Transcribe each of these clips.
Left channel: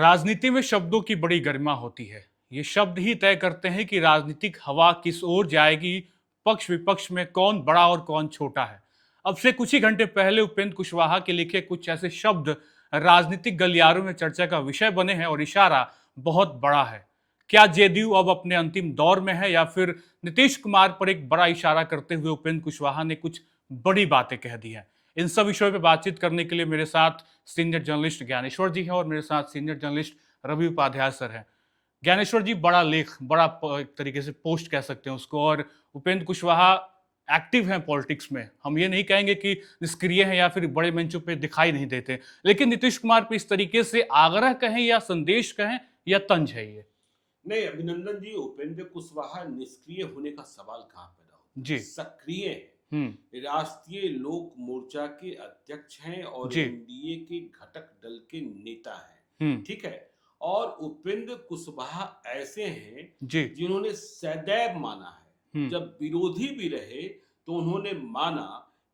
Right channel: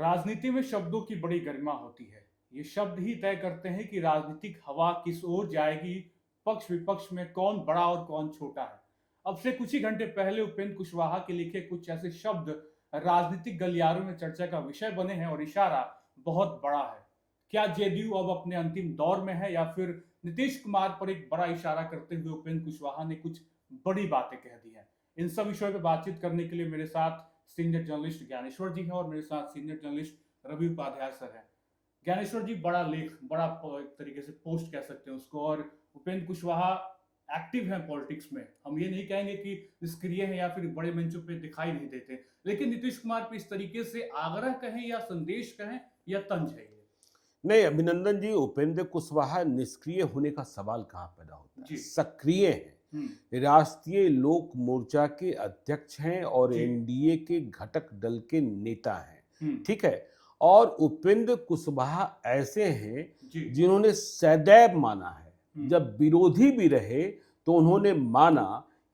राजनीति में शब्दों की बड़ी गरिमा होती है। ये शब्द ही तय करते हैं कि राजनीतिक हवा किस ओर जाएगी, पक्ष विपक्ष में कौन बड़ा और कौन छोटा है। अब से कुछ ही घंटे पहले उपेंद्र कुशवाहा के लिखे कुछ ऐसे शब्द राजनीतिक गलियारों में चर्चा का विषय बने हैं और इशारा बहुत बड़ा है। क्या जेडीयू अब अपने अंतिम दौर में है या फिर नीतीश कुमार पर एक बड़ा इशारा करते हुए उपेंद्र कुशवाहा ने कुछ बड़ी बातें कह दी हैं? इन सब विषयों पे बातचीत करने के लिए मेरे साथ सीनियर जर्नलिस्ट ज्ञानेश्वर जी हैं और मेरे साथ senior journalist Ravi Upadhyay sir हैं। ज्ञानेश्वर जी, बड़ा लेख, एक तरीके से पोस्ट कह सकते हैं उसको, और उपेंद्र कुशवाहा एक्टिव हैं पॉलिटिक्स में। हम ये नहीं कहेंगे कि निष्क्रिय हैं या फिर बड़े मंचों पे दिखाई नहीं देते, लेकिन नीतीश कुमार पे इस तरीके से आग्रह कहें या संदेश कहें या तंज है ये? नहीं, अभिनंदन जी, उपेंद्र कुशवाहा निष्क्रिय होने का सवाल कहाँ पैदा होता है? जी। सक्रिय हैं। हम्म। राष्ट्रीय लोक मोर्चा के अध्यक्ष हैं और जी। एनडीए के घटक दल के नेता हैं। हम्म। ठीक है। और उपेंद्र कुशवाहा ऐसे हैं जी। जिन्होंने सदैव माना है, हम्म। जब विरोधी भी रहे तो उन्होंने माना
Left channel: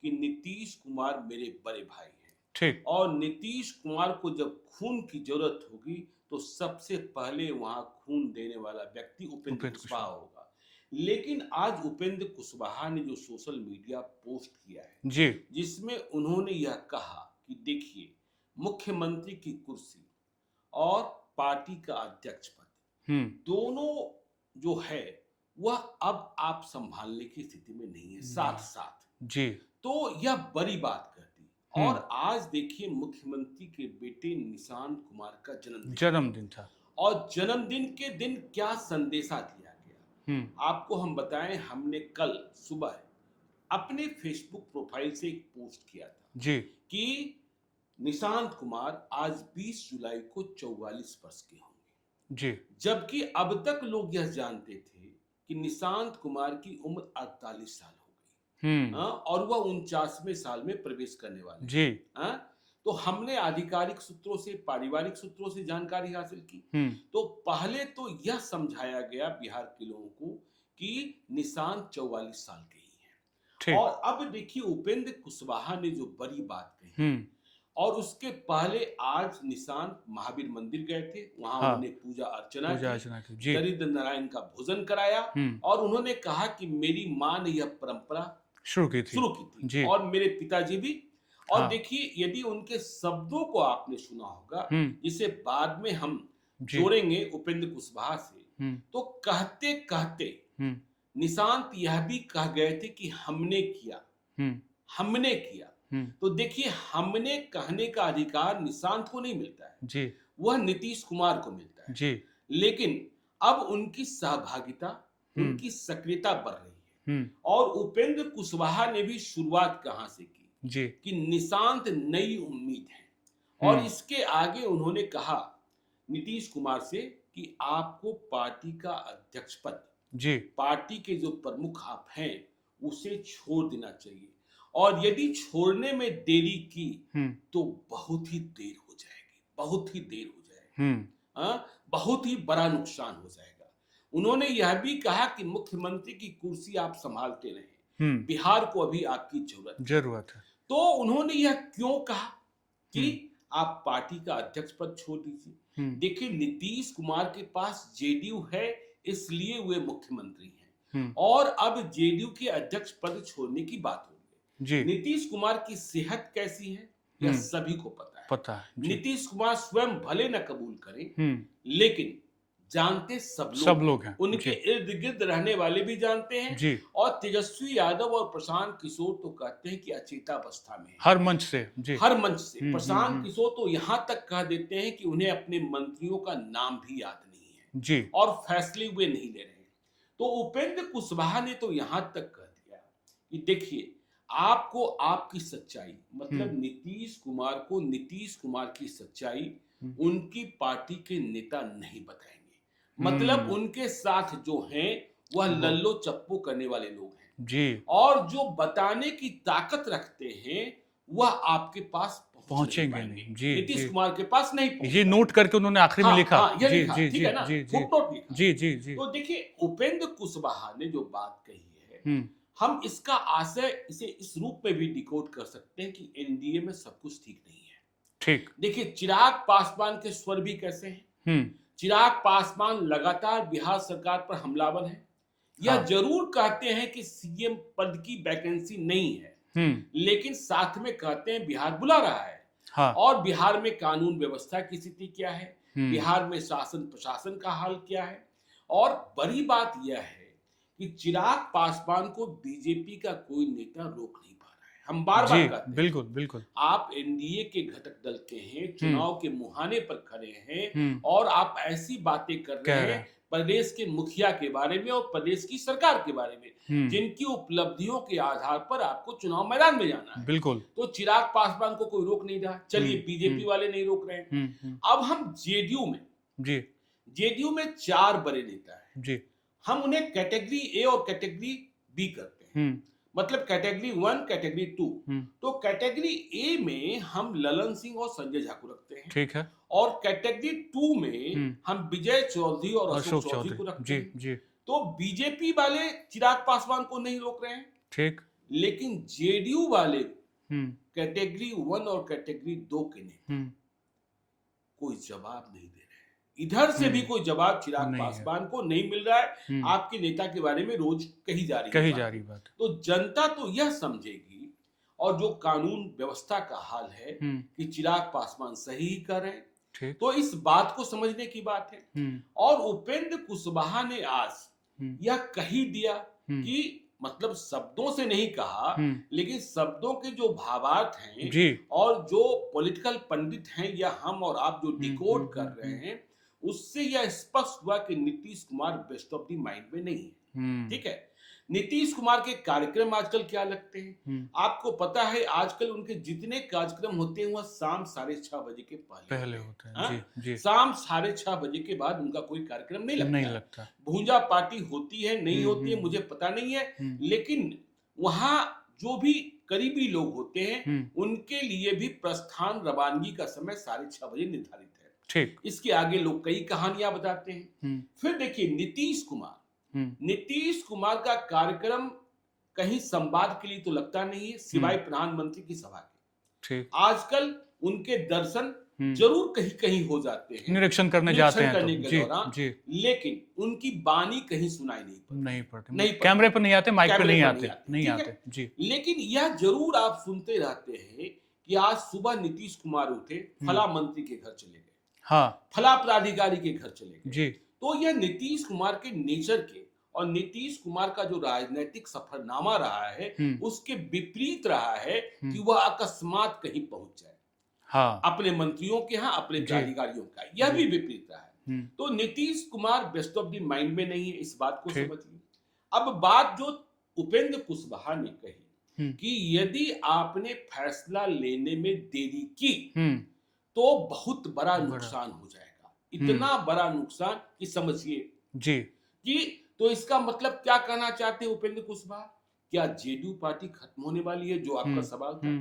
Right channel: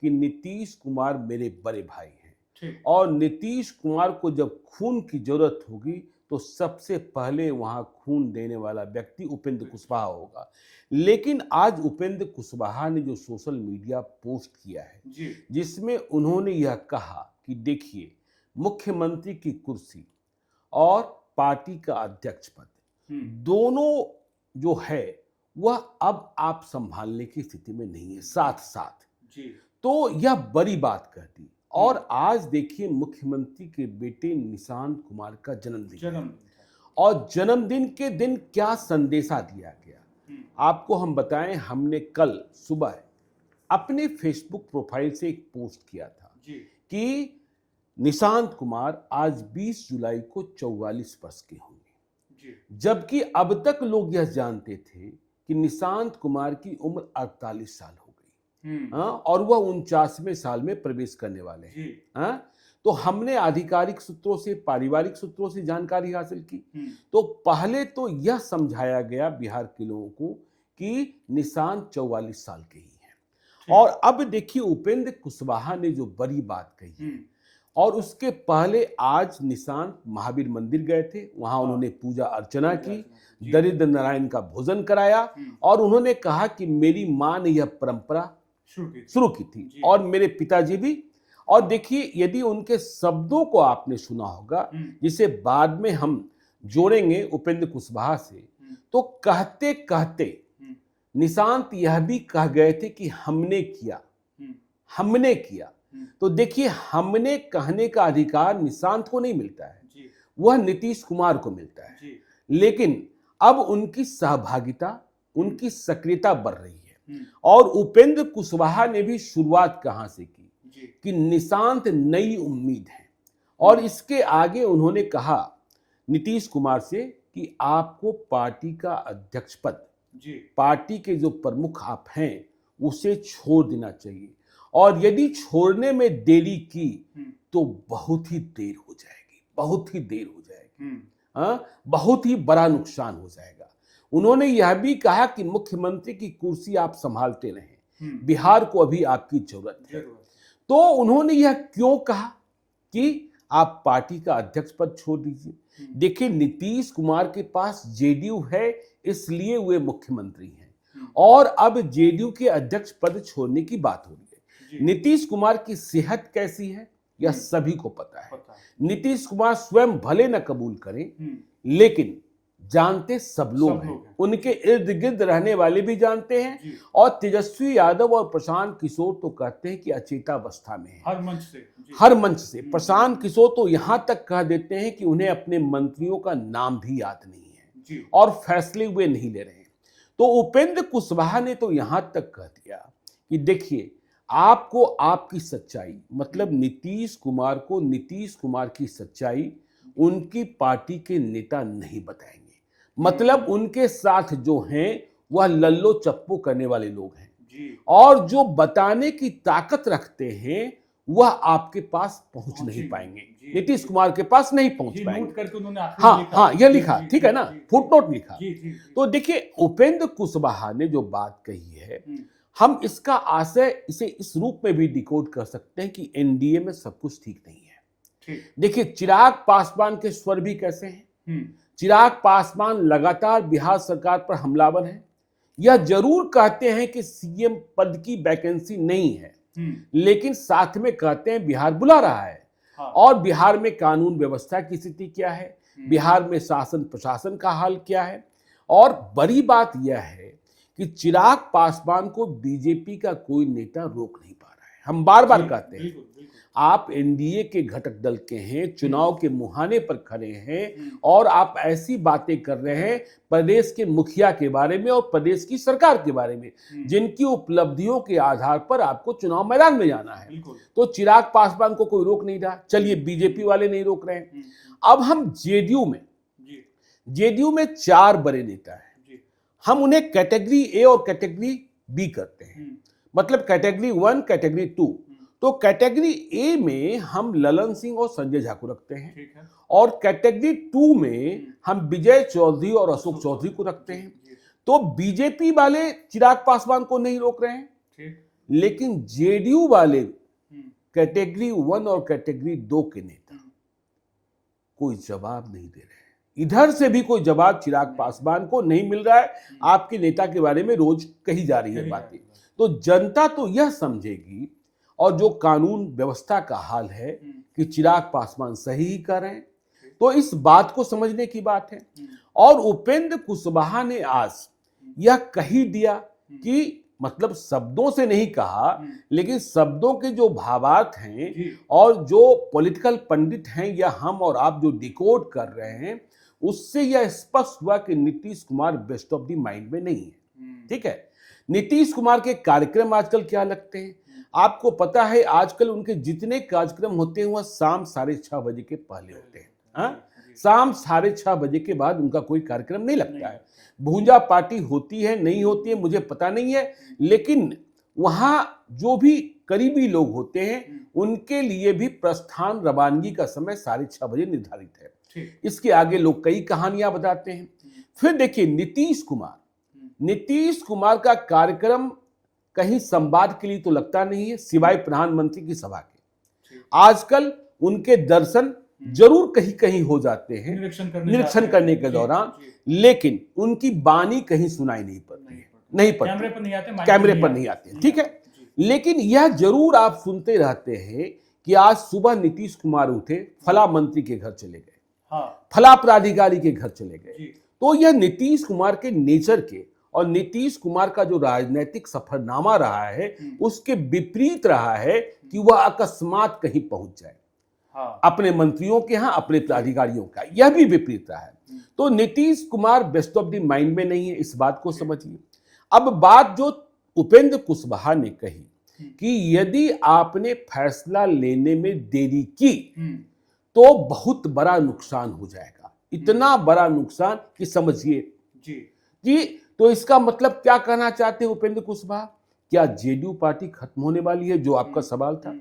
कि नीतीश कुमार मेरे बड़े भाई हैं ठीक। और नीतीश कुमार को जब खून की जरूरत होगी तो सबसे पहले वहां खून देने वाला व्यक्ति उपेंद्र कुशवाहा होगा। लेकिन आज उपेंद्र कुशवाहा ने जो सोशल मीडिया पोस्ट किया है, जी। जिसमें उन्होंने यह कहा कि देखिए, मुख्यमंत्री की कुर्सी और पार्टी का अध्यक्ष पद दोनों जो है वह अब आप संभालने की स्थिति में नहीं है साथ साथ। जी। तो यह बड़ी बात कहती। और आज देखिए, मुख्यमंत्री के बेटे निशांत कुमार का जन्मदिन था। और जन्मदिन के दिन क्या संदेशा दिया गया, आपको हम बताएं। हमने कल सुबह अपने फेसबुक प्रोफाइल से एक पोस्ट किया था जी। कि निशांत कुमार आज 20 जुलाई को 44 वर्ष के होंगे। जी। जबकि अब तक लोग यह जानते थे कि निशांत कुमार की उम्र 48 साल हो गई। और वह 49वें साल में प्रवेश करने वाले जी। हैं। तो हमने आधिकारिक सूत्रों से, पारिवारिक सूत्रों से जानकारी हासिल की। तो पहले तो यह समझाया गया बिहार के लोगों को कि निशांत 44 साल के ही हैं। और अब देखिए, उपेंद्र कुशवाहा ने जो बड़ी बात कही और उसके पहले आज निशांत महावीर मंदिर गए थे, वहां उन्होंने पूजा अर्चना की, दरिद्र नारायण का भोजन कराया और उन्होंने कहा कि मेरी मां ने यह परंपरा शुरू की थी और मेरे पिताजी भी। और देखिए, यदि उनके शब्दों को आपने सुना होगा, जिसे बाद में हम जोड़ेंगे उपेंद्र कुशवाहा से, तो कहते कहते निशांत यह भी कह गए थे कि हमने किया, हमने किया। तो देखिए, हमने कहने का अधिकार निशांत को नहीं मिलता है जी, वह नीतीश कुमार को मिलता है जी। लेकिन अब उनकी सहभागिता, उनकी सक्रियता बढ़ रही है। और उपेंद्र कुशवाहा ने भी शुरुआत कहां से की जी, कि निशांत नई उम्मीद है। और इसके आगे उन्होंने कहा नीतीश कुमार से कि आपको पार्टी का अध्यक्ष पद जी, पार्टी के जो प्रमुख आप हैं उसे छोड़ देना चाहिए, और यदि छोड़ने में देरी की तो बहुत ही देर हो जाएगी, बहुत ही देर हो जाएगी, बहुत ही बड़ा नुकसान हो जाएगा। उन्होंने यह भी कहा कि मुख्यमंत्री की कुर्सी आप संभालते रहें, बिहार को अभी आपकी जरूरत है। तो उन्होंने यह क्यों कहा कि आप पार्टी का अध्यक्ष पद छोड़ दीजिए? देखिए, नीतीश कुमार के पास जेडीयू है, इसलिए वे मुख्यमंत्री हैं और अब जेडीयू के अध्यक्ष पद छोड़ने की बात हो रही है। नीतीश कुमार की सेहत कैसी है यह सभी को पता है। नीतीश कुमार स्वयं भले न कबूल करें, लेकिन जानते सब लोग हैं। उनके इर्द गिर्द रहने वाले भी जानते हैं। और तेजस्वी यादव और प्रशांत किशोर तो कहते हैं कि अचेतावस्था में है। हर मंच से प्रशांत किशोर तो यहां तक कह देते हैं कि उन्हें अपने मंत्रियों का नाम भी याद नहीं है जी, और फैसले वे नहीं ले रहे हैं। तो उपेंद्र कुशवाहा ने तो यहां तक कह दिया कि देखिए, आपको आपकी सच्चाई, मतलब नीतीश कुमार को नीतीश कुमार की सच्चाई उनकी पार्टी के नेता नहीं बताएंगे। मतलब उनके साथ जो हैं वह लल्लो चप्पो करने वाले लोग हैं जी, और जो बताने की ताकत रखते हैं वह आपके पास पहुंच नहीं पाएंगे। नीतीश कुमार के पास नहीं पहुंच पाएंगे। ये नोट करके उन्होंने आखिरी में लिखा। यह लिखा, ठीक है ना, फुटनोट लिखा जी जी जी। तो देखिए, उपेंद्र कुशवाहा ने जो बात कही है, हम इसका आशय इसे इस रूप में भी डिकोड कर सकते हैं कि एनडीए में सब कुछ ठीक नहीं है। ठीक। देखिए चिराग पासवान के स्वर भी कैसे हैं। चिराग पासवान लगातार बिहार सरकार पर हमलावर हैं। यह हाँ। जरूर कहते हैं कि सीएम पद की वैकेंसी नहीं है, लेकिन साथ में कहते हैं बिहार बुला रहा है। हाँ। और बिहार में कानून व्यवस्था की स्थिति क्या है, बिहार में शासन प्रशासन का हाल क्या है। और बड़ी बात यह है कि चिराग पासवान को बीजेपी का कोई नेता रोक नहीं पा रहा है। हम बार बार कहते हैं, बिल्कुल बिल्कुल, आप एनडीए के घटक दल के हैं, चुनाव के मुहाने पर खड़े हैं और आप ऐसी बातें कर रहे हैं प्रदेश के मुखिया के बारे में और प्रदेश की सरकार के बारे में, जिनकी उपलब्धियों के आधार पर आपको चुनाव मैदान में जाना है। बिल्कुल। तो चिराग पासवान को कोई रोक नहीं रहा, चलिए बीजेपी वाले नहीं रोक रहे हैं। अब हम जेडीयू में 4 बड़े नेता हैं जी, हम उन्हें कैटेगरी ए और कैटेगरी बी करते हैं, मतलब कैटेगरी 1 कैटेगरी 2। तो कैटेगरी ए में हम ललन सिंह और संजय झा को रखते हैं, ठीक है। और कैटेगरी 2 में हम विजय चौधरी और अशोक चौधरी को रखते हैं। तो बीजेपी वाले चिराग पासवान को नहीं रोक रहे हैं, ठीक। लेकिन जेडीयू वाले कैटेगरी 1 और कैटेगरी 2 के नेता कोई जवाब नहीं दे रहे। इधर से भी कोई जवाब चिराग पासवान को नहीं मिल रहा है। आपके नेता के बारे में रोज कही जा रही है बात। तो जनता तो यह समझेगी, और जो कानून व्यवस्था का हाल है कि चिराग पासवान सही ही कर रहे हैं, तो इस बात को समझने की बात है। और उपेंद्र कुशवाहा ने आज यह कही दिया कि, मतलब शब्दों से नहीं कहा, लेकिन शब्दों के जो भावार्थ हैं और जो पॉलिटिकल पंडित हैं या हम और आप जो डिकोड कर रहे हैं, उससे यह स्पष्ट हुआ कि Nitish Kumar best of the mind में नहीं है, ठीक है। नीतीश कुमार के कार्यक्रम आजकल क्या लगते हैं, आपको पता है आजकल उनके जितने कार्यक्रम होते हैं वह शाम 6:30 बजे के पहले होते हैं। जी। शाम 6:30 बजे के बाद उनका कोई कार्यक्रम नहीं लगता। भूंजा पार्टी होती है नहीं होती है मुझे पता नहीं है, लेकिन वहां जो भी करीबी लोग होते हैं उनके लिए भी प्रस्थान रवानगी का समय 6:30 बजे निर्धारित है, ठीक। इसके आगे लोग कई कहानियां बताते हैं। फिर देखिए नीतीश कुमार का कार्यक्रम कहीं संवाद के लिए तो लगता नहीं है, सिवाय प्रधानमंत्री की सभा के। आजकल उनके दर्शन जरूर कहीं कहीं हो जाते हैं निरीक्षण करने के दौरान, लेकिन उनकी वाणी कहीं सुनाई नहीं पड़ती, कैमरे पर नहीं आते, ठीक है। लेकिन यह जरूर आप सुनते रहते हैं कि आज सुबह नीतीश कुमार उठे, फला मंत्री के घर चले गए, फला पदाधिकारी के घर चले गए। तो यह नीतीश कुमार के नेचर के और नीतीश कुमार का जो राजनीतिक सफरनामा रहा है उसके विपरीत रहा है कि वह अकस्मात कहीं पहुंच जाए, अपने मंत्रियों के यहाँ, अपने पदाधिकारियों का, यह भी विपरीत रहा है। तो Nitish Kumar best of the mind में नहीं है, इस बात को समझिए। अब बात जो उपेंद्र कुशवाहा ने कही कि यदि आपने फैसला लेने में देरी की तो बहुत बड़ा नुकसान हो जाएगा, इतना बड़ा नुकसान कि समझिए जी कि, तो इसका मतलब क्या कहना चाहते हैं उपेंद्र कुशवाहा, क्या जेडीयू पार्टी खत्म होने वाली है, जो आपका सवाल था।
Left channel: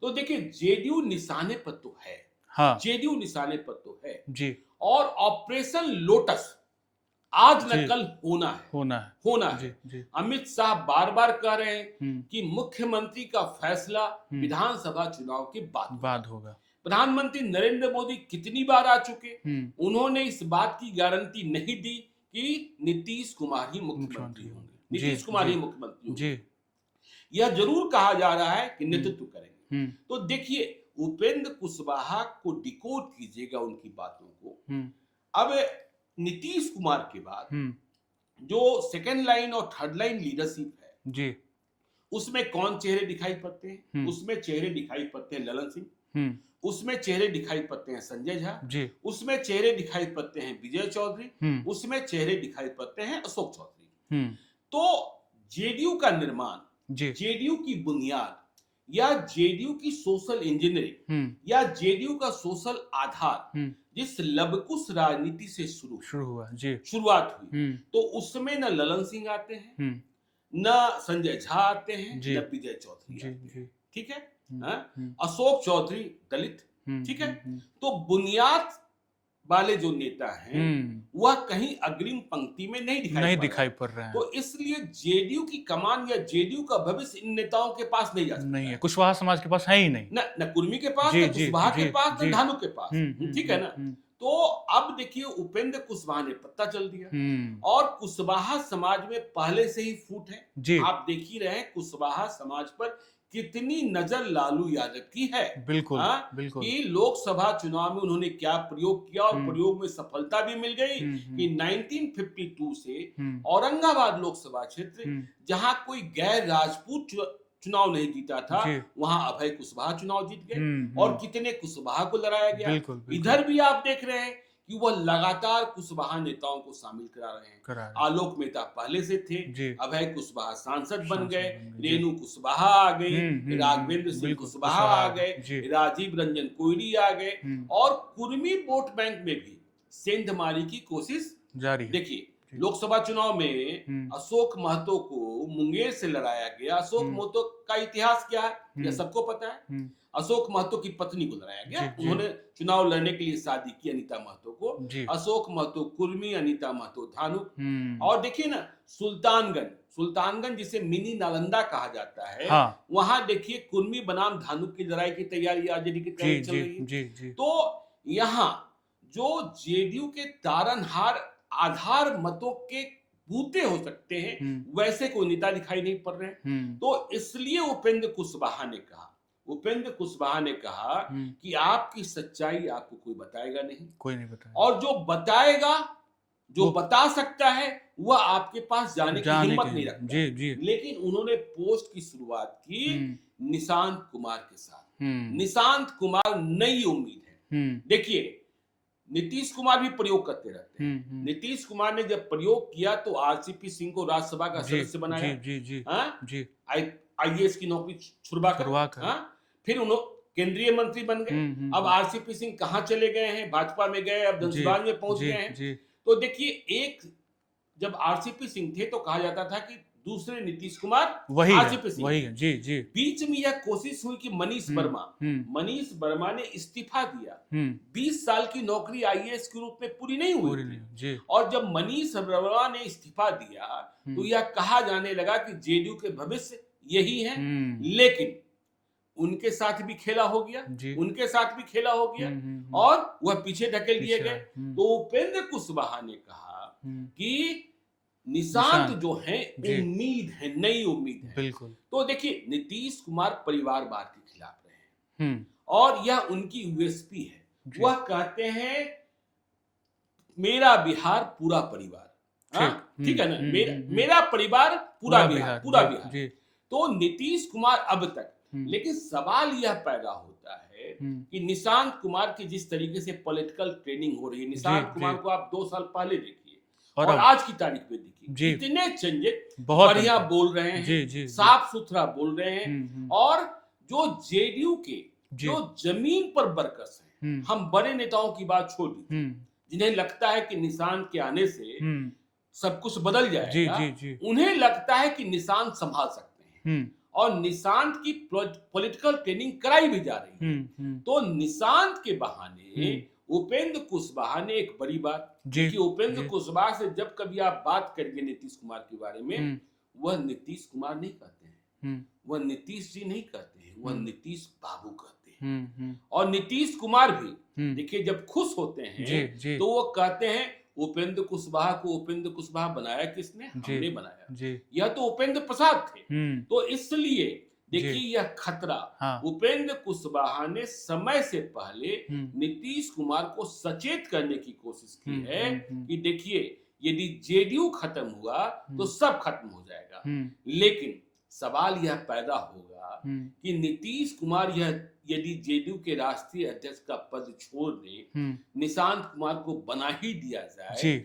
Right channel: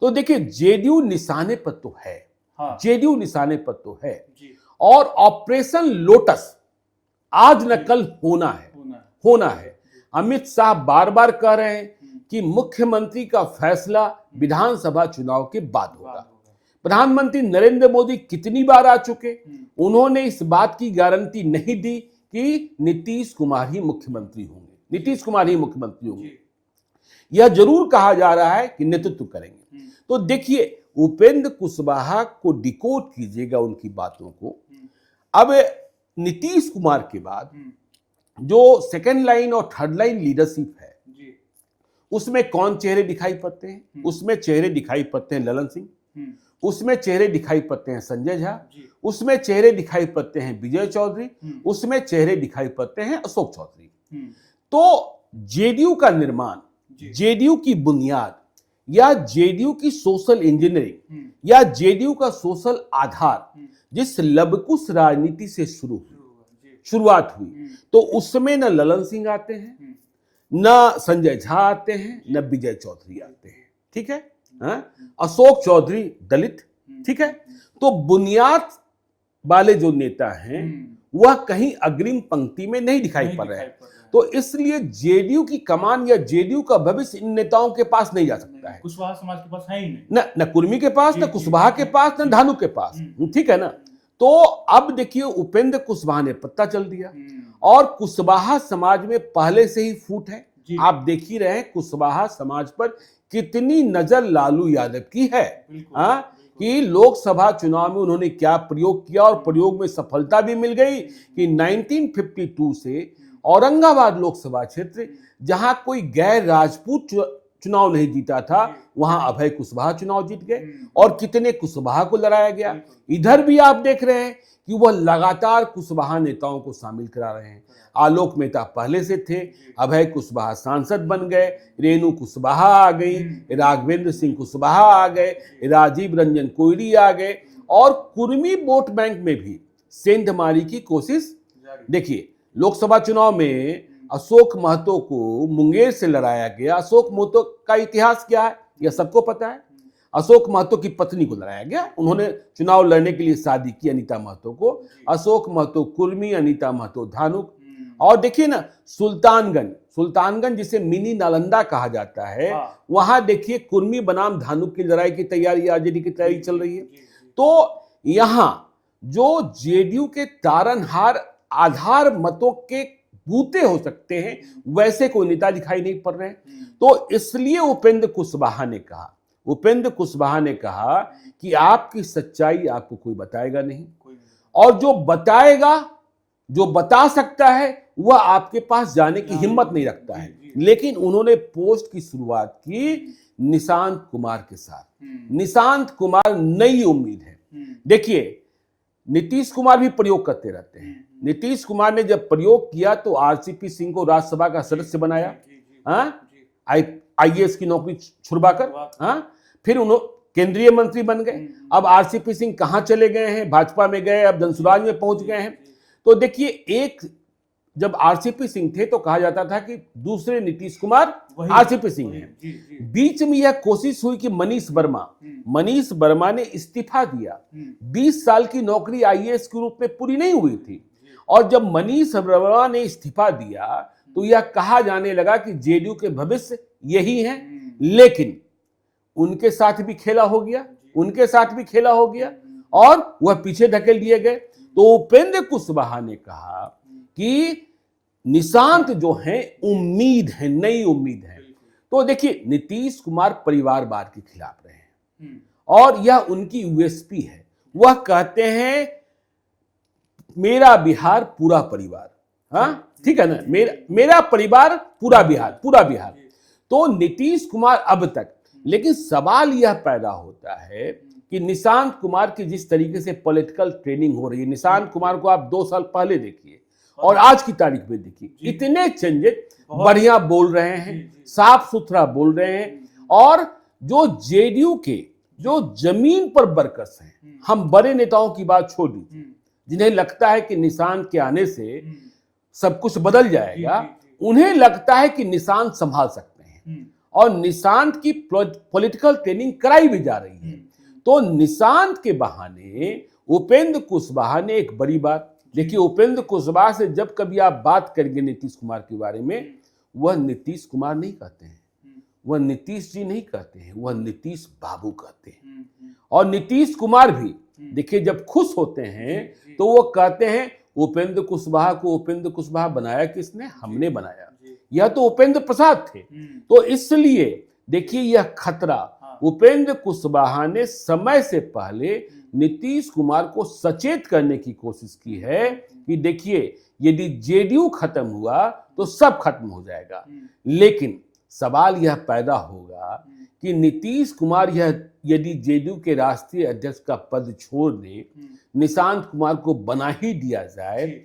तो देखिए जेडीयू निशाने पर तो है, जेडीयू निशाने पर तो है जी। और ऑपरेशन लोटस आज न कल होना है। अमित शाह बार बार कह रहे हैं कि मुख्यमंत्री का फैसला विधानसभा चुनाव के बाद होगा। प्रधानमंत्री नरेंद्र मोदी कितनी बार आ चुके, उन्होंने इस बात की गारंटी नहीं दी कि नीतीश कुमार ही मुख्यमंत्री होंगे, नीतीश कुमार ही मुख्यमंत्री होंगे। यह जरूर कहा जा रहा है कि नेतृत्व करेंगे। तो देखिए उपेंद्र कुशवाहा को डिकोड कीजिएगा उनकी बातों को। अब नीतीश कुमार के बाद जो सेकेंड लाइन और थर्ड लाइन लीडरशिप है जी, उसमें कौन चेहरे दिखाई पड़ते हैं, उसमें चेहरे दिखाई पड़ते हैं ललन सिंह, उसमें चेहरे दिखाई पड़ते हैं संजय झा, उसमें चेहरे दिखाई पड़ते हैं विजय चौधरी, उसमें चेहरे दिखाई पड़ते हैं अशोक चौधरी। तो जेडीयू का निर्माण, जेडीयू की बुनियाद या जेडीयू की सोशल इंजीनियरिंग या जेडीयू का सोशल आधार जिस लवकुश राजनीति से शुरुआत हुई, तो उसमें न ललन सिंह आते हैं, न संजय झा आते हैं, न विजय चौधरी आते हैं, ठीक है। अशोक चौधरी दलित, ठीक है। तो बुनियाद वाले जो नेता हैं वह कहीं अग्रिम पंक्ति में नहीं दिखाई पड़ रहे हैं। तो इसलिए जेडीयू की कमान या जेडीयू का भविष्य इन नेताओं के पास नहीं जा सकता है। कुशवाहा समाज के पास है ही नहीं, न कुर्मी के पास, न कुशवाहा के पास, न धानुक के पास, ठीक है ना। तो अब देखिए उपेंद्र कुशवाहा ने पत्ता चल दिया और कुशवाहा समाज में पहले से ही फूट है। आप देख ही रहे हैं कुशवाहा समाज पर कितनी नजर लालू यादव की है। बिल्कुल, बिल्कुल। कि लोकसभा चुनाव में उन्होंने क्या प्रयोग किया और प्रयोग में सफलता भी मिल गई कि 1952 से औरंगाबाद लोकसभा क्षेत्र जहां कोई गैर राजपूत चुनाव नहीं जीता था, वहां अभय कुशवाहा चुनाव जीत गए और कितने कुशवाहा को लड़ाया गया। इधर भी आप देख रहे हैं कि वह लगातार कुशवाहा नेताओं को शामिल करा रहे हैं। आलोक मेहता पहले से थे, अभय कुशवाहा सांसद बन गए, रेणु कुशवाहा आ गई, राघवेंद्र सिंह कुशवाहा आ गए, राजीव रंजन कोयरी आ गए और कुर्मी वोट बैंक में भी सेंधमारी की कोशिश जारी। देखिए लोकसभा चुनाव में अशोक महतो को मुंगेर से लड़ाया गया। अशोक महतो का इतिहास क्या है यह सबको पता है। अशोक महतो की पत्नी को लड़ाया गया, उन्होंने चुनाव लड़ने के लिए शादी की अनीता महतो को। अशोक महतो कुर्मी, अनीता महतो धानुक। और देखिए ना सुल्तानगंज जिसे मिनी नालंदा कहा जाता है, वहां देखिए कुर्मी बनाम धानुक की लड़ाई की तैयारी, आरजेडी की तैयारी चल रही है। तो यहां जो जेडीयू के तारनहार आधार मतों के बूते हो सकते हैं वैसे कोई नेता दिखाई नहीं पड़ रहे हैं। तो इसलिए उपेंद्र कुशवाहा ने कहा कि आपकी सच्चाई आपको कोई बताएगा नहीं, कोई नहीं बताएगा, और जो बताएगा, जो बता सकता है वह आपके पास जाने की हिम्मत नहीं रखता है। लेकिन उन्होंने पोस्ट की शुरुआत की निशांत कुमार के साथ। निशांत कुमार नई उम्मीद है। देखिए नीतीश कुमार भी प्रयोग करते रहते हैं। नीतीश कुमार ने जब प्रयोग किया तो आरसीपी सिंह को राज्यसभा का सदस्य बनाया, आईएएस की नौकरी छुड़वाकर, फिर उन्होंने केंद्रीय मंत्री बन गए। अब आरसीपी सिंह कहां चले गए हैं, भाजपा में गए, अब धनसुराज में पहुंच गए हैं। तो देखिए एक जब आरसीपी सिंह थे तो कहा जाता था कि दूसरे नीतीश कुमार आरसीपी सिंह। बीच में यह कोशिश हुई कि मनीष वर्मा ने इस्तीफा दिया। 20 साल की नौकरी आईएएस के रूप में पूरी नहीं हुई थी, और जब मनीष वर्मा ने इस्तीफा दिया तो यह कहा जाने लगा कि जेडीयू के भविष्य यही है। लेकिन उनके साथ भी खेला हो गया और वह पीछे धकेल दिए गए। तो उपेंद्र कुशवाहा ने कहा कि निशांत जो है उम्मीद है, नई उम्मीद है। तो देखिए नीतीश कुमार परिवारवाद के खिलाफ रहे हैं और यह उनकी यूएसपी है। वह कहते हैं मेरा बिहार पूरा परिवार, ठीक है ना, मेरा परिवार पूरा बिहार। तो नीतीश कुमार अब तक, लेकिन सवाल यह पैदा होता है कि निशांत कुमार की जिस तरीके से पॉलिटिकल ट्रेनिंग हो रही है, निशांत कुमार को आप 2 साल पहले देखिए और आज की तारीख में देखिए, इतने चेंजेस, बढ़िया बोल रहे हैं, साफ सुथरा बोल रहे हैं। और जो जेडीयू के जो जमीन पर वर्कर्स हैं, हम बड़े नेताओं की बात छोड़ दी, जिन्हें लगता है कि निशांत के आने से सब कुछ बदल जाएगा, उन्हें लगता है कि निशांत संभाल सकते हैं और निशांत की पॉलिटिकल ट्रेनिंग कराई भी जा रही है। तो निशांत के बहाने उपेंद्र कुशवाहा ने एक बड़ी बात देखिए। उपेंद्र कुशवाहा से जब कभी आप बात करेंगे नीतीश कुमार के बारे में, वह नीतीश कुमार नहीं कहते हैं, वह नीतीश जी नहीं कहते हैं, वह नीतीश बाबू कहते हैं। और नीतीश कुमार भी देखिए जब खुश होते हैं तो वो कहते हैं उपेंद्र कुशवाहा को उपेंद्र कुशवाहा बनाया किसने? हमने बनाया। यह तो उपेंद्र प्रसाद थे। तो इसलिए देखिए यह खतरा उपेंद्र कुशवाहा ने समय से पहले नीतीश कुमार को सचेत करने की कोशिश की है कि देखिए यदि जेडीयू खत्म हुआ तो सब खत्म हो जाएगा। लेकिन सवाल यह पैदा होगा कि नीतीश कुमार यह यदि जेडीयू के राष्ट्रीय अध्यक्ष का पद छोड़ दे, निशांत कुमार को बना ही दिया जाए,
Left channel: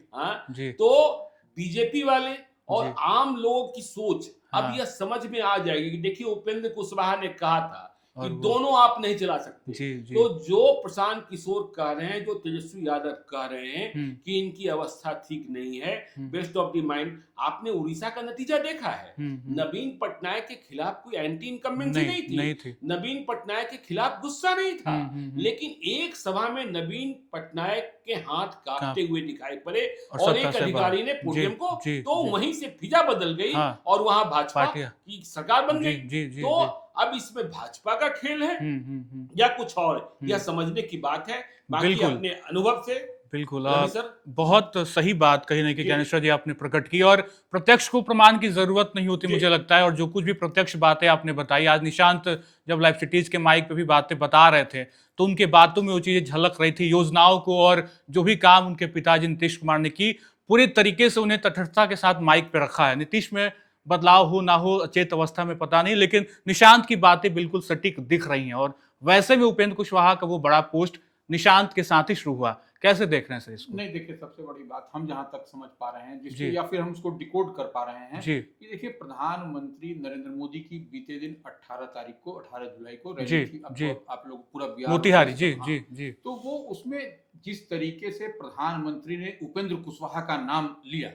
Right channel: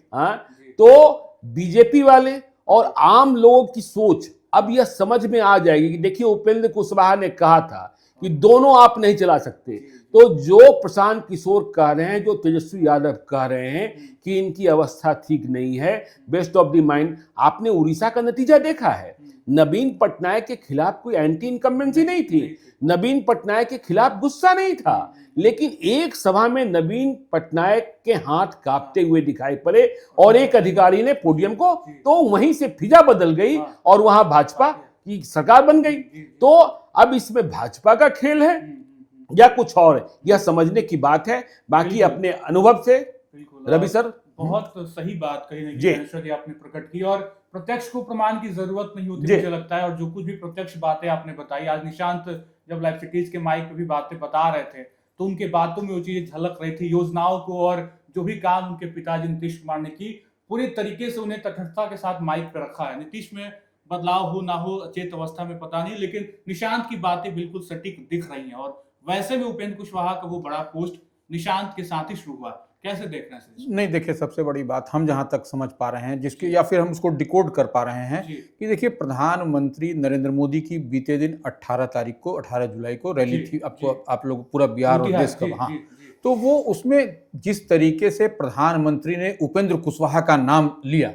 तो बीजेपी वाले और आम लोगों की सोच अब यह समझ में आ जाएगी कि देखिए उपेंद्र कुशवाहा ने कहा था कि दोनों आप नहीं चला सकते। तो जो प्रशांत किशोर कह रहे हैं, जो तेजस्वी यादव कह रहे हैं कि इनकी अवस्था ठीक नहीं है, बेस्ट ऑफ द माइंड, आपने उड़ीसा का नतीजा देखा है। नवीन पटनायक के खिलाफ कोई एंटी इनकम्बेंसी नहीं थी, नवीन पटनायक के खिलाफ गुस्सा नहीं था, लेकिन एक सभा में नवीन पटनायक के हाथ कांपते हुए दिखाई पड़े और एक अधिकारी ने पोडियम को, तो वहीं से फिजा बदल गई और वहां भाजपा की सरकार बन गई। तो अब इसमें भाजपा का खेल है या कुछ और है, यह समझने की बात है। बाकी अपने अनुभव से बिल्कुल रवि सर बहुत सही बात कही ना कि ज्ञानेश्वर जी आपने प्रकट की, और प्रत्यक्ष को प्रमाण की जरूरत नहीं होती मुझे लगता है। और जो कुछ भी प्रत्यक्ष बातें आपने बताई, आज निशांत जब लाइव सिटीज के माइक पे भी बातें बता रहे थे तो उनके बातों में वो चीजें झलक रही थी, योजनाओं को, और जो भी काम उनके पिताजी नीतीश कुमार ने की, पूरे तरीके से उन्हें तटस्थता के साथ माइक पे रखा है। नीतीश में बदलाव हो ना हो अचेत अवस्था में पता नहीं, लेकिन निशांत की बातें बिल्कुल सटीक दिख रही हैं। और वैसे भी उपेंद्र कुशवाहा का वो बड़ा पोस्ट निशांत के साथ ही शुरू हुआ, कैसे देख रहे हैं सर इसको? नहीं, देखिए, सबसे बड़ी बात हम जहां तक समझ पा रहे हैं जिसकी, या फिर हम उसको डिकोड कर पा रहे हैं कि देखिए, प्रधानमंत्री नरेंद्र मोदी की बीते दिन 18 तारीख को, 18 जुलाई को रैली थी। आपको, आप लोग पूरा बिहार और देश का, तो वो उसमें जिस तरीके से प्रधानमंत्री ने उपेंद्र कुशवाहा का नाम लिया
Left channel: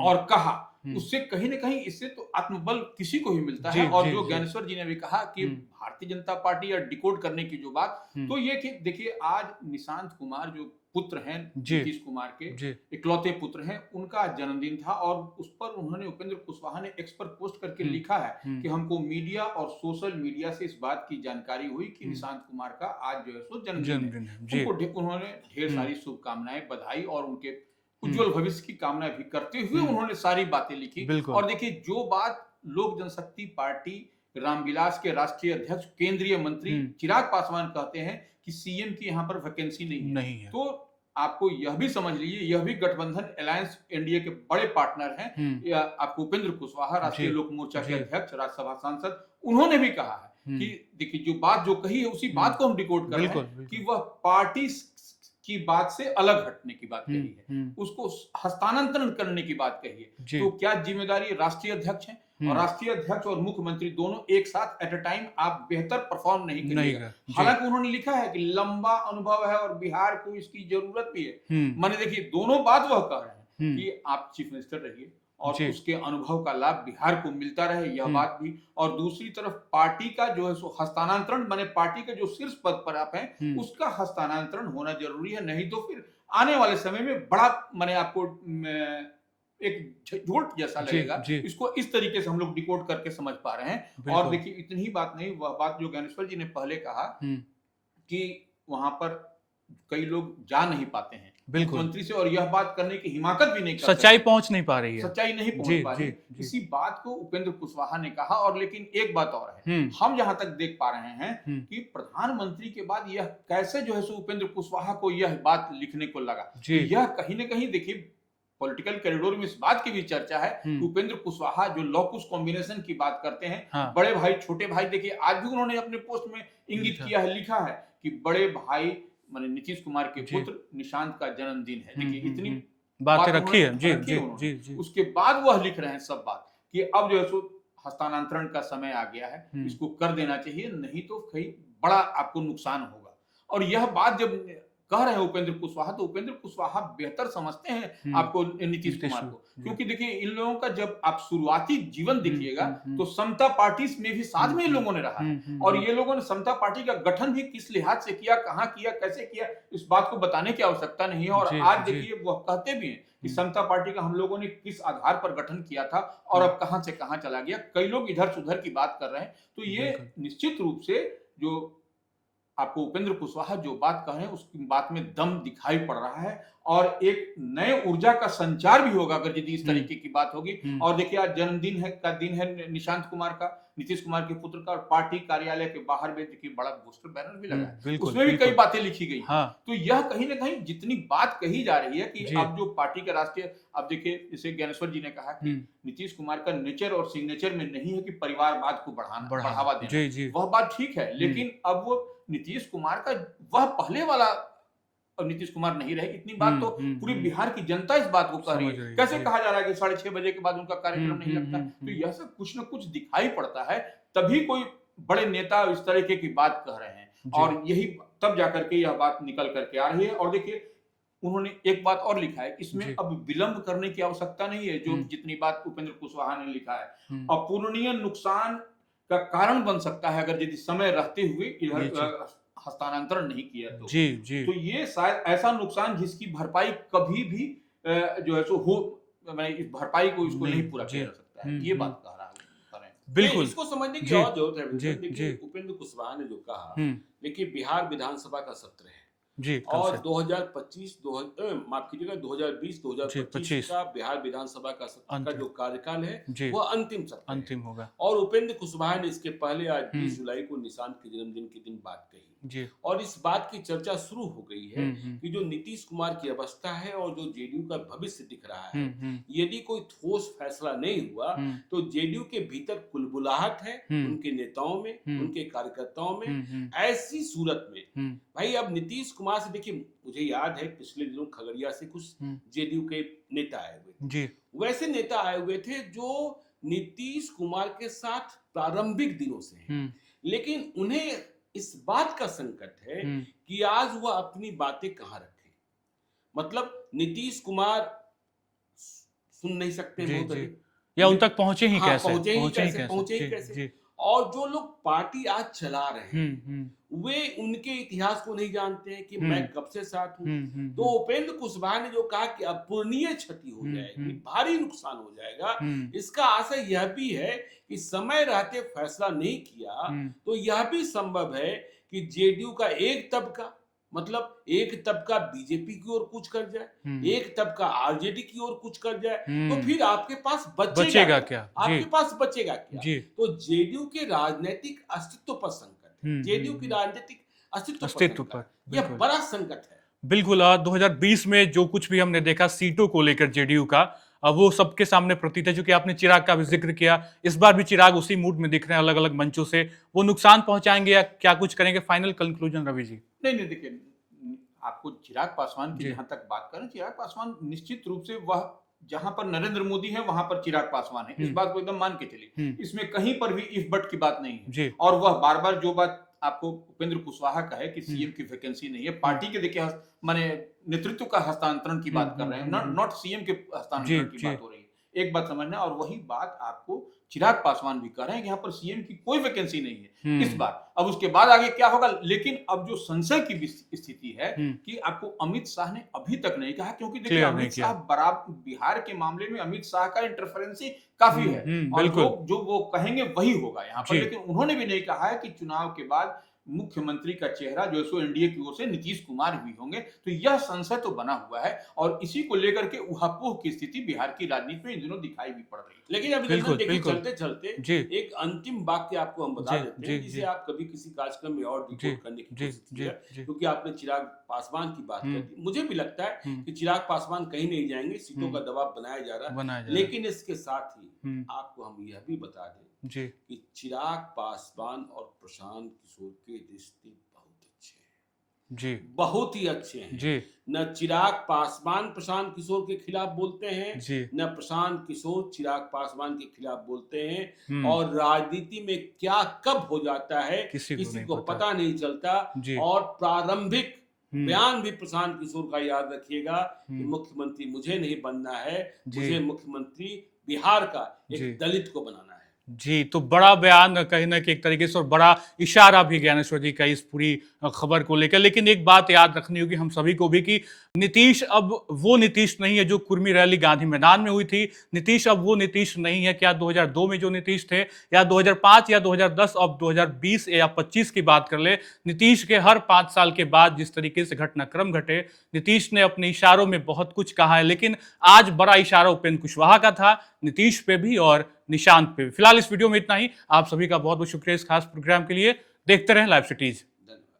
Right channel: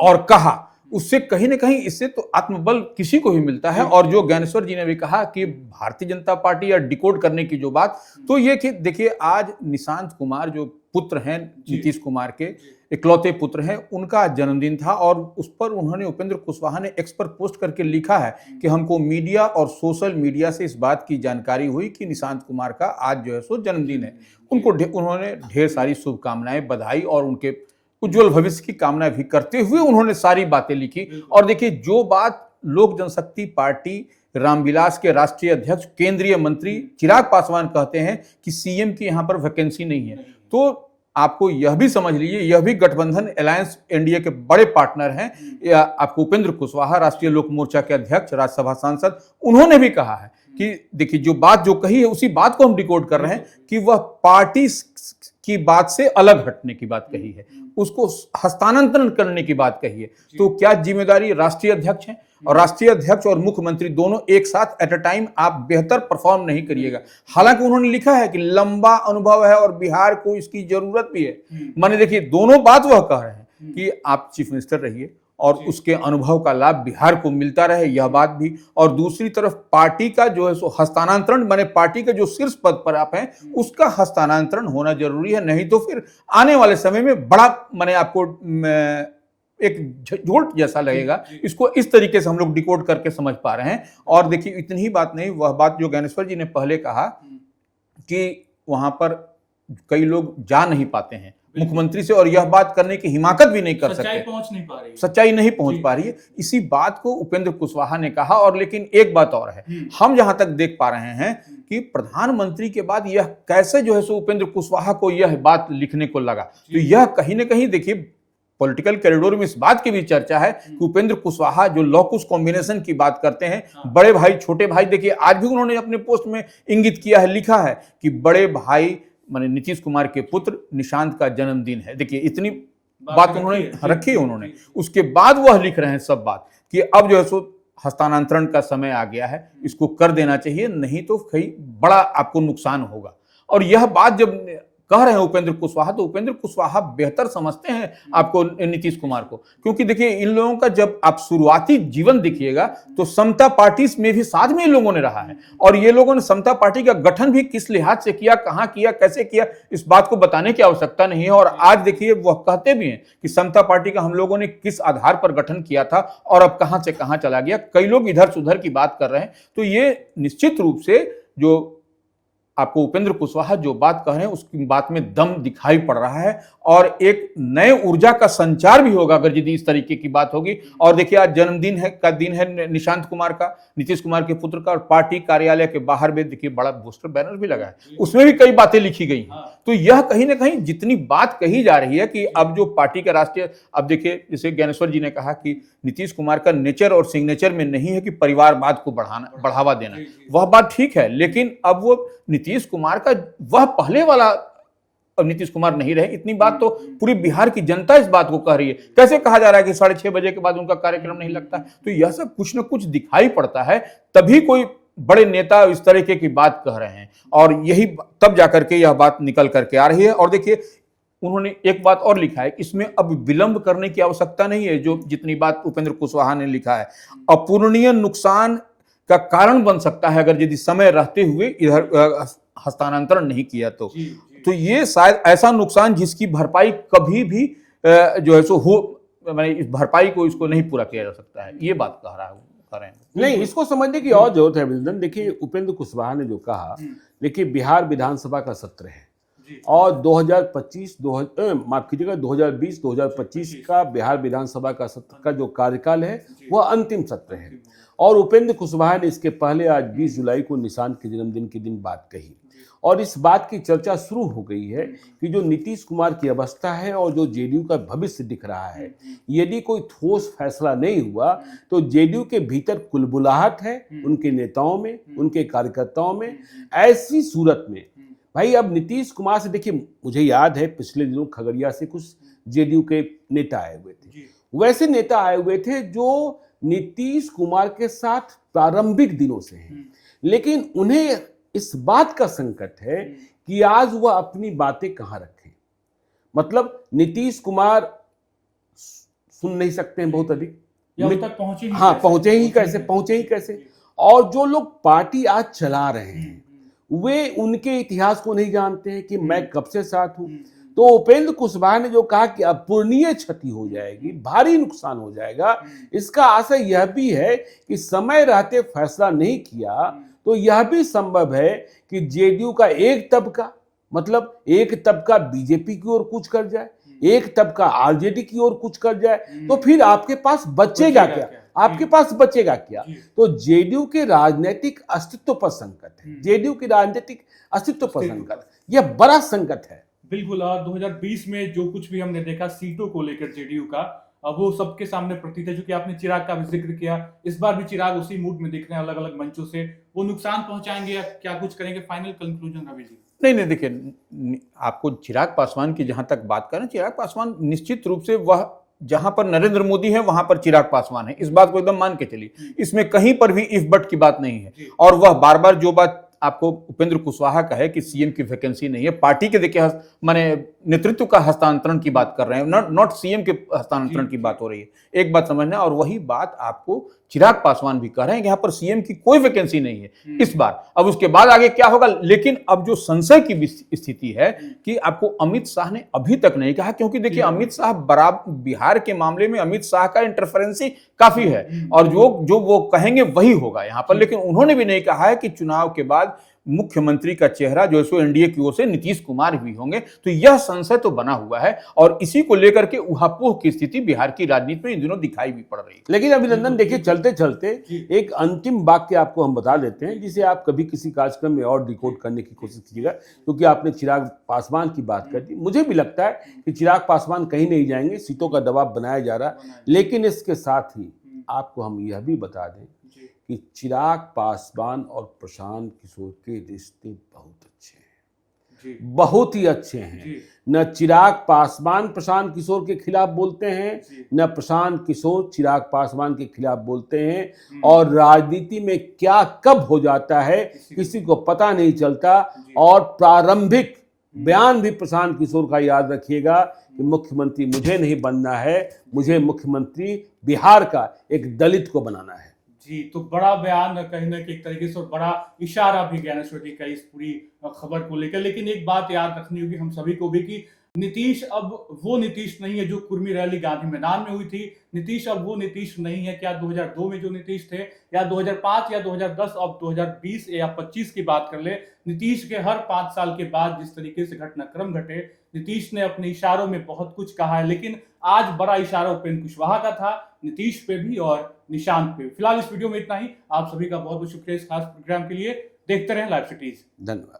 और कहा, उससे कहीं ना कहीं, इससे तो आत्मबल किसी को भी मिलता है। और जो ज्ञानेश्वर जी ने भी कहा कि भारतीय जनता पार्टी या डिकोड करने की जो बात, तो ये कि देखिए, आज निशांत कुमार जो पुत्र हैं नीतीश कुमार के इकलौते पुत्र हैं, उनका जन्मदिन था और उस पर उन्होंने, उपेंद्र कुशवाहा ने एक्स पर पोस्ट करके लिखा है कि हमको मीडिया और सोशल मीडिया से इस बात की जानकारी हुई कि निशांत कुमार का आज जो है सो जन्मदिन है। उनको उन्होंने ढेर सारी शुभकामनाएं, बधाई और उनके उज्जवल भविष्य की कामना भी करते हुए उन्होंने सारी बातें लिखी। और देखिए, जो बात लोक जनशक्ति पार्टी रामविलास के राष्ट्रीय अध्यक्ष केंद्रीय मंत्री चिराग पासवान कहते हैं कि सीएम की यहां पर वैकेंसी नहीं है, तो आपको यह भी समझ लीजिए, यह भी गठबंधन अलायंस एनडीए के बड़े पार्टनर हैं। या आपको उपेंद्र कुशवाहा, राष्ट्रीय लोक मोर्चा के अध्यक्ष, राज्यसभा सांसद, उन्होंने भी कहा है कि देखिए, जो बात जो कही है उसी बात को हम डिकोड कर रहे हैं कि वह पार्टी की बात से अलग हटने की बात कही है, उसको हस्तांतरण करने की बात कही है। तो क्या जिम्मेदारी राष्ट्रीय अध्यक्ष है, और राष्ट्रीय अध्यक्ष और मुख्यमंत्री दोनों एक साथ एट अ टाइम आप बेहतर परफॉर्म नहीं करिएगा। हालांकि उन्होंने लिखा है कि लंबा अनुभव है और बिहार को इसकी जरूरत भी है। माने देखिए, दोनों बात वह कह रहे हैं कि आप चीफ मिनिस्टर रहिए और उसके अनुभव का लाभ बिहार को मिलता रहे, यह बात भी। और दूसरी तरफ पार्टी का जो है सो हस्तांतरण, माने पार्टी के जो शीर्ष पद पर आप हैं उसका हस्तांतरण होना जरूरी है, नहीं तो फिर आने वाले समय में बड़ा, माने आपको एक झोट जैसा लगेगा। इसको इस तरीके से हम लोग डिकोड करके समझ पा रहे हैं। और देखिए, इतनी ही बात नहीं, वह बात जो ज्ञानेश्वर जी ने पहले कहा कि वहां पर कई लोग जा नहीं पाते हैं मुख्यमंत्री से, और यह बात करने की हिमाकत भी नहीं कर सकते, सच्चाई पहुंच नहीं पा रही है, सच्चाई नहीं पहुंच पा रही है। इसी बात को उपेंद्र कुशवाहा ने कहा। और लेकिन एक बात और है, हम जहां तक देख पा रहे हैं कि प्रधानमंत्री के बाद यह कैसे जो है सो उपेंद्र कुशवाहा को यह बात लिखने को लगा, तो यह कहीं ना कहीं देखिए, पॉलिटिकल कॉरिडोर में इस बात की भी चर्चा है कि उपेंद्र कुशवाहा जो लॉकुस कॉम्बिनेशन की बात करते हैं, बड़े भाई छोटे भाई, देखिए आज भी उन्होंने अपने पोस्ट में इंगित किया है, लिखा है कि बड़े भाई माने नीतीश कुमार के पुत्र निशांत का जन्मदिन है। देखिए, इतनी बात उन्होंने रखी है उन्होंने। उसके बाद वह लिख रहे हैं सब बात कि अब जो है सो हस्तांतरण का समय आ गया है, इसको कर देना चाहिए, नहीं तो कहीं बड़ा आपको नुकसान होगा। और यह बात जब कह रहे हैं उपेंद्र कुशवाहा, तो उपेंद्र कुशवाहा बेहतर समझते हैं आपको नीतीश कुमार को, क्योंकि देखिए, इन लोगों का जब आप शुरुआती जीवन देखिएगा तो समता पार्टी में भी साथ में इन लोगों ने रहा है। और ये लोगों ने समता पार्टी का गठन भी किस लिहाज से किया, कहां किया, कैसे किया, इस बात को बताने की आवश्यकता नहीं है। और आज देखिए, वह कहते भी हैं कि समता पार्टी का हम लोगों ने किस आधार पर गठन किया था और अब कहां से कहां चला गया। कई लोग इधर से उधर की बात कर रहे हैं, तो ये निश्चित रूप से जो आपको उपेंद्र कुशवाहा जो बात कह रहे हैं उसकी बात में दम दिखाई पड़ रहा है, और एक नए ऊर्जा का संचार भी होगा अगर यदि इस तरीके की बात होगी। और देखिए, आज जन्मदिन है का दिन है निशांत कुमार का, नीतीश कुमार के पुत्र का, और पार्टी कार्यालय के बाहर में देखिए बड़ा पोस्टर बैनर भी लगा है, उसमें भी कई बातें लिखी गई। तो यह कहीं ना कहीं जितनी बात कही जा रही है कि अब जो पार्टी का राष्ट्रीय, अब देखिए, जैसे ज्ञानेश्वर जी ने कहा कि नीतीश कुमार का नेचर और सिग्नेचर में नहीं है कि परिवारवाद को बढ़ावा देना, वह बात ठीक है, लेकिन अब वो नीतीश कुमार का वह पहले वाला अब नीतीश कुमार नहीं रहे, इतनी बात तो पूरी बिहार की जनता इस बात को कह रही है। कैसे कहा जा रहा है कि 6:30 बजे के बाद उनका कार्यक्रम नहीं लगता है, तो यह सब कुछ न कुछ दिखाई पड़ता है, तभी कोई बड़े नेता इस तरीके की बात कह रहे हैं, और यही तब जाकर के यह बात निकल करके आ रही है। और देखिए, उन्होंने एक बात और लिखा है, इसमें अब विलंब करने की आवश्यकता नहीं है। जो जितनी बात उपेंद्र कुशवाहा ने लिखा है, अपूरणीय नुकसान का कारण बन सकता है अगर यदि समय रहते हुए इधर हस्तांतरण नहीं किया तो। तो ये शायद ऐसा नुकसान जिसकी भरपाई कभी भी जो है सो हो, मैंने इस भरपाई को इसको नहीं पूरा किया जा सकता है, ये बात कह रहे हैं। नहीं, इसको समझने की और जरूरत है। देखिए, उपेंद्र कुशवाहा ने जो कहा, देखिए बिहार विधानसभा का सत्र है और 2025 माफ कीजिएगा 2020-2025 का बिहार विधानसभा का सत्र का जो कार्यकाल है वह अंतिम सत्र है। और उपेंद्र कुशवाहा ने इसके पहले आज 20 जुलाई को निशांत के जन्मदिन के दिन बात कही, और इस बात की चर्चा शुरू हो गई है कि जो नीतीश कुमार की अवस्था है और जो जेडीयू का भविष्य दिख रहा है, यदि कोई ठोस फैसला नहीं हुआ तो जेडीयू के भीतर कुलबुलाहट है उनके नेताओं में, उनके कार्यकर्ताओं में। ऐसी सूरत में भाई अब नीतीश कुमार से, देखिए मुझे याद है पिछले दिनों खगड़िया से कुछ जेडीयू के नेता आए हुए थे। वैसे नेता आए हुए थे जो नीतीश कुमार के साथ प्रारंभिक दिनों से हैं, लेकिन उन्हें इस बात का संकट है कि आज वह अपनी बातें कहां रखें। मतलब नीतीश कुमार सुन नहीं सकते हैं बहुत अधिक, या उन तक पहुंचे ही पहुंचे ही कैसे। और जो लोग पार्टी आज चला रहे हैं वे उनके इतिहास को नहीं जानते हैं कि मैं कब से साथ हूं। तो उपेंद्र कुशवाहा ने जो कहा कि अपूरणीय क्षति हो जाएगी, भारी नुकसान हो जाएगा, इसका आशय यह भी है कि समय रहते फैसला नहीं किया तो यह भी संभव है कि जेडीयू का एक तबका, मतलब एक तबका बीजेपी की ओर कुछ कर जाए, एक तबका आरजेडी की ओर कुछ कर जाए, तो फिर आपके पास बचेगा क्या? आपके पास बचेगा क्या? तो जेडीयू के राजनीतिक अस्तित्व पर संकट है, जेडीयू के राजनीतिक अस्तित्व पर संकट, यह बड़ा संकट है। बिल्कुल। 2020 में जो कुछ भी हमने देखा सीटों को लेकर जेडीयू का, वो सबके सामने प्रतीत है। जो कि आपने चिराग का भी जिक्र किया, इस बार भी चिराग उसी मूड में दिख रहे हैं, अलग अलग मंचों से। वो नुकसान पहुंचाएंगे या क्या कुछ करेंगे? Final conclusion Ravi ji. नहीं, देखिए, आपको चिराग पासवान की जहां तक बात करें, चिराग पासवान निश्चित रूप से वह जहां पर नरेंद्र मोदी है वहां पर चिराग पासवान है, इस बात को एकदम मान के चलिए। इसमें कहीं पर भी इफ बट की बात नहीं है। और वह बार बार जो बात आपको उपेंद्र कुशवाहा का है कि सीएम की वैकेंसी नहीं है, पार्टी के देखिए माने नेतृत्व का हस्तांतरण की बात कर रहे हैं, नॉट सीएम के हस्तांतरण की बात हो रही है। एक बात समझना, और वही बात आपको चिराग पासवान भी कह रहे हैं कि यहाँ पर सीएम की कोई वैकेंसी नहीं है इस बार। अब उसके बाद आगे क्या होगा, लेकिन अब जो संशय की स्थिति है कि आपको अमित शाह ने अभी तक नहीं कहा, क्योंकि देखिए अमित शाह बराबर बिहार के मामले में अमित शाह का इंटरफेरेंसी काफी है, और जो वो कहेंगे वही होगा यहाँ पर। लेकिन उन्होंने भी नहीं कहा है कि चुनाव के बाद मुख्यमंत्री का चेहरा जो है एनडीए की ओर से नीतीश कुमार भी होंगे। तो यह संशय तो बना हुआ है, और इसी को लेकर के उहापोह की स्थिति बिहार की राजनीति में इन दिनों दिखाई भी पड़ रही है। लेकिन अभिनंदन, देखिए चलते चलते एक अंतिम वाक्य आपको हम बता देते हैं, जिसे आप कभी किसी कार्यक्रम में और डिकोड करने की कोशिश कीजिएगा, क्योंकि आपने चिराग पासवान की बात कर दी। मुझे भी लगता है कि चिराग पासवान कहीं नहीं जाएंगे, सीटों का दबाव बनाया जा रहा है। लेकिन इसके साथ ही आपको हम यह भी बता दें कि चिराग पासवान और प्रशांत किशोर के रिश्ते बहुत अच्छे हैं, बहुत ही अच्छे हैं। न चिराग पासवान प्रशांत किशोर के खिलाफ बोलते हैं, न प्रशांत किशोर चिराग पासवान के खिलाफ बोलते हैं। और राजनीति में क्या कब हो जाता है किसी को पता नहीं चलता। और प्रारंभिक बयान भी प्रशांत किशोर का याद रखिएगा कि मुख्यमंत्री मुझे नहीं बनना है, मुझे मुख्यमंत्री बिहार का एक दलित को बनाना है। जी, तो बड़ा बयान कहीं ना कहीं एक तरीके से, और बड़ा इशारा भी ज्ञानेश्वर जी का इस पूरी खबर को लेकर। लेकिन एक बात याद रखनी होगी हम सभी को भी कि नीतीश अब वो नीतीश नहीं है जो कुर्मी रैली गांधी मैदान में हुई थी। नीतीश अब वो नीतीश नहीं है क्या 2002 में जो नीतीश थे, या 2005 या 2010, अब 2020 या 25 की बात कर ले। नीतीश के हर 5 साल के बाद जिस तरीके से घटनाक्रम घटे, नीतीश ने अपने इशारों में बहुत कुछ कहा है। लेकिन आज बड़ा इशारा उपेंद्र कुशवाहा का था, नीतीश पे भी और निशांत पे भी। फिलहाल इस वीडियो में इतना ही। आप सभी का बहुत बहुत शुक्रिया इस खास प्रोग्राम के लिए। देखते रहें लाइव सिटीज। धन्यवाद।